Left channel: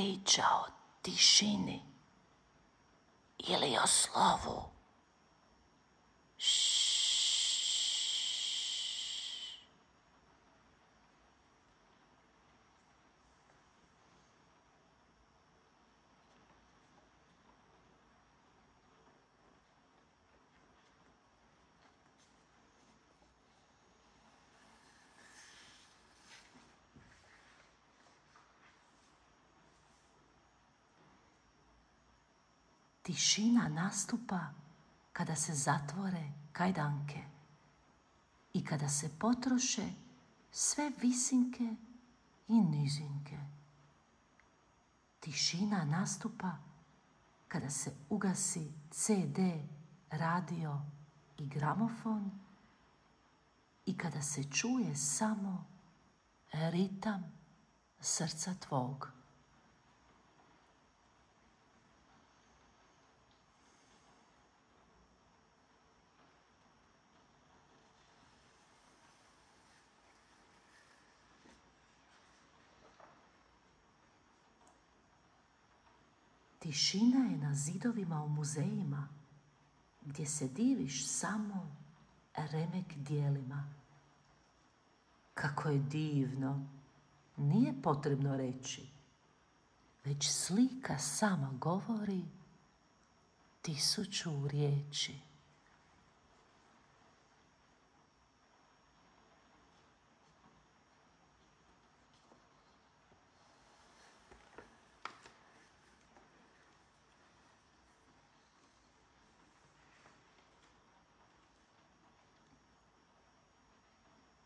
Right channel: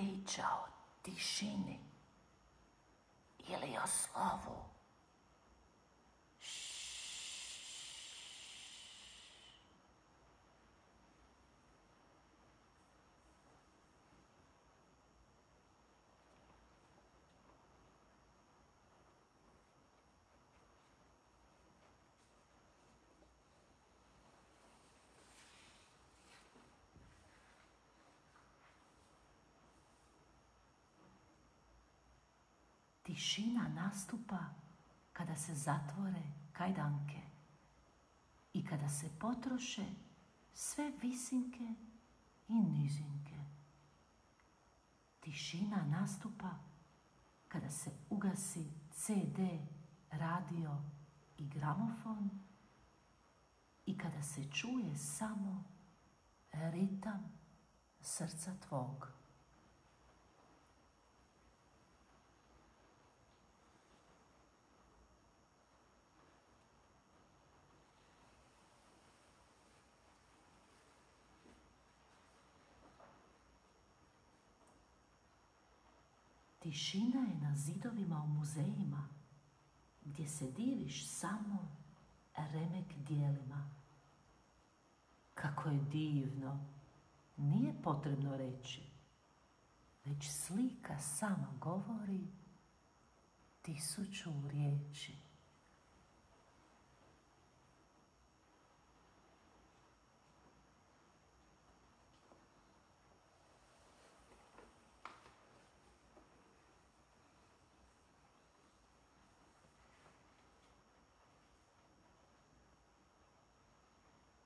priča o tišini ili o slovu. Tišina nastupa kada se zatvore kajdanke i kada se potroše sve visinke i nizinke. Tišina nastupa kada se ugasi CD, radio i gramofon i kada se čuje samo ritam srca tvog. Tišina je na zidovima u muzejima, gdje se diviš samo remek dijelima. Kako je divno, nije potrebno reći, već slika sama govori 1000 riječi.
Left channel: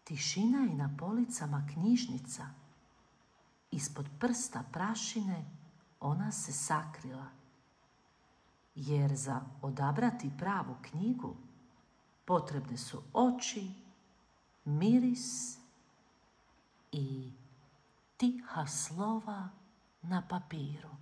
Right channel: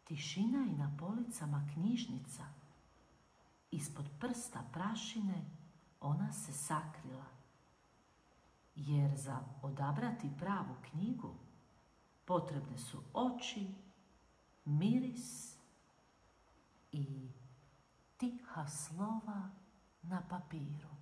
Tišina je na policama knjižnica. Ispod prsta prašine ona se sakrila. Jer za odabrati pravu knjigu potrebne su oči, miris i tiha slova na papiru.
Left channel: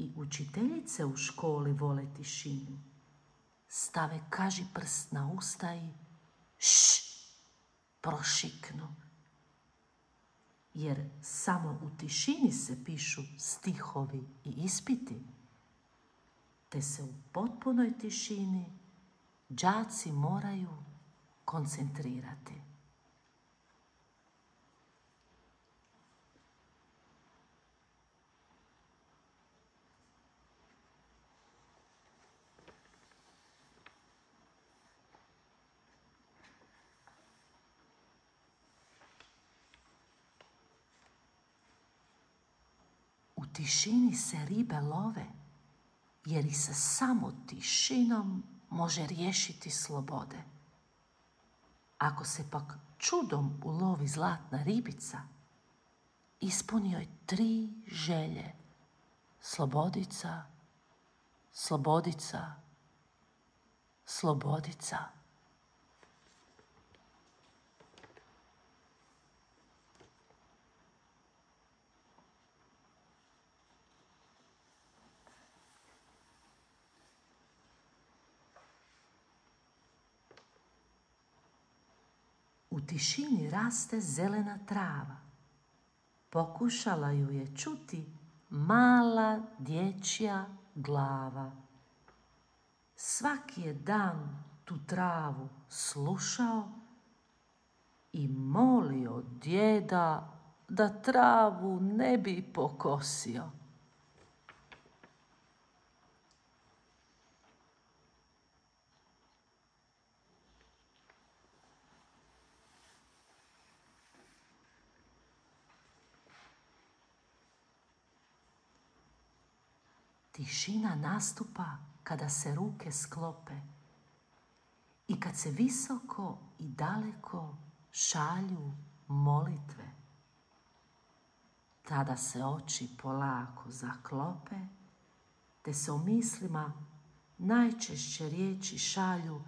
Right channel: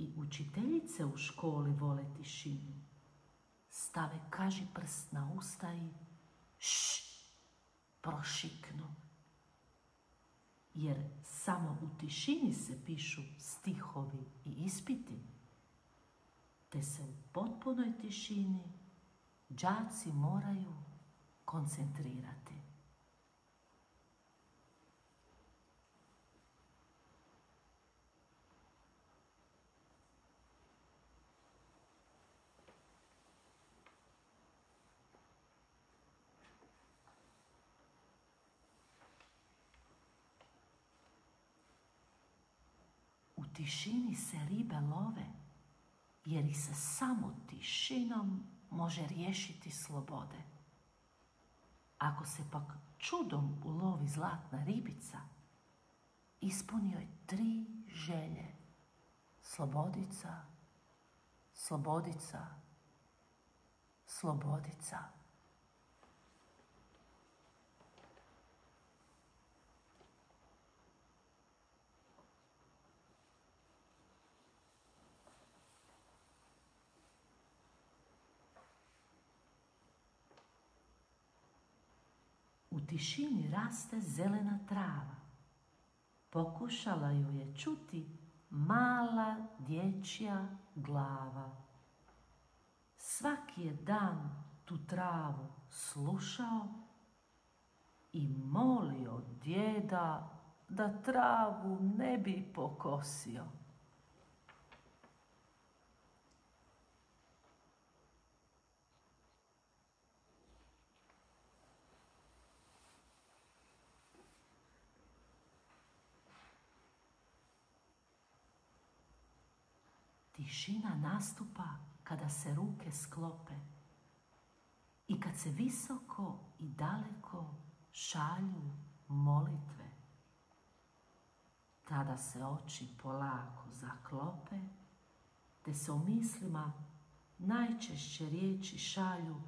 I učiteljice u školi vole tišinu. Stave kaži prst na usta i prošiknu. Jer samo u tišini se pišu stihovi i ispiti, te se u potpunoj tišini đaci moraju koncentrirati. U tišini se ribe love, jer i sa samo tišinom može riješiti slobode. Ako se pak čudom ulovi zlatna ribica, ispuni joj 3 želje. Slobodica, slobodica, slobodica. U tišini raste zelena trava. Pokušala ju je čuti mala dječja glava. Svaki je dan tu travu slušao i molio djeda da travu ne bi pokosio. Tišina nastupa kada se ruke sklope i kad se visoko i daleko šalju molitve. Tada se oči polako zaklope, te se u mislima najčešće riječi šalju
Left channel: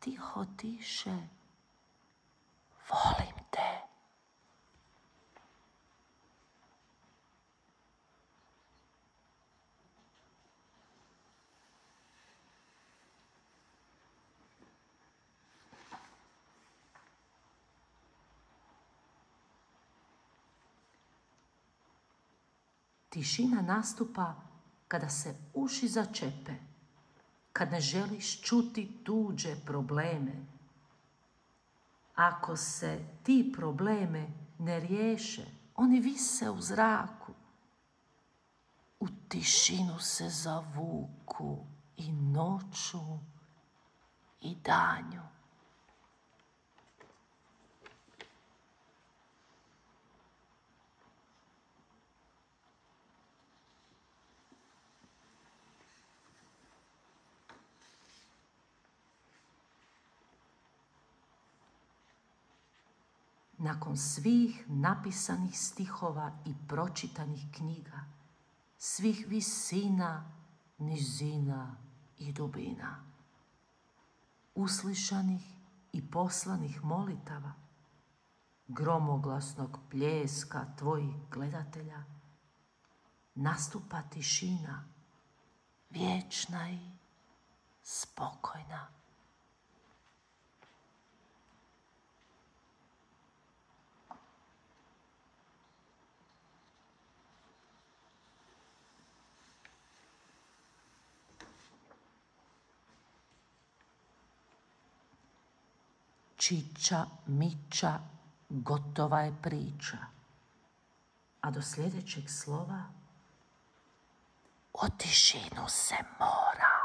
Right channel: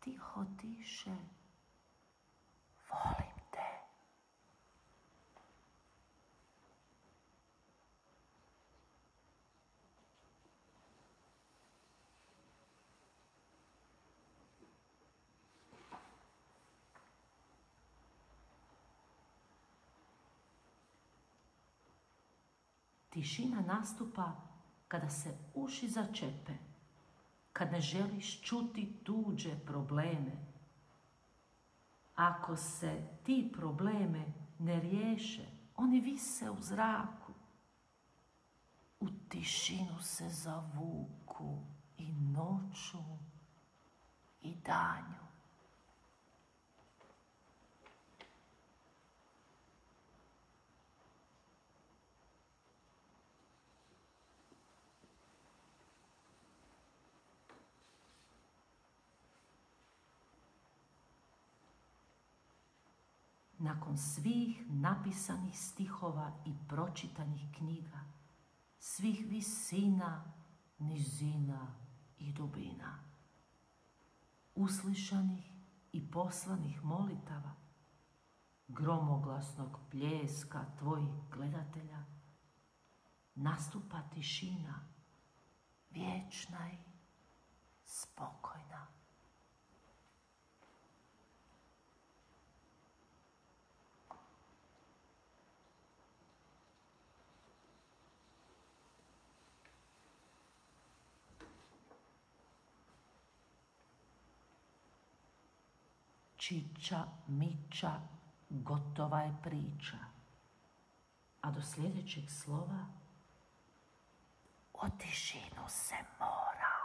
tiho tiše. Volim te. Tišina nastupa kada se uši začepe, kad ne želiš čuti tuđe probleme. Ako se ti probleme ne riješe, oni vise u zraku. U tišinu se zavuku i noću i danju. Nakon svih napisanih stihova i pročitanih knjiga, svih visina, nizina i dubina, uslišanih i poslanih molitava, gromoglasnog pljeska tvojih gledatelja, nastupa tišina, vječna i spokojna. Čiča, miča, gotova je priča. A do sljedećeg slova, o tišinu se mora.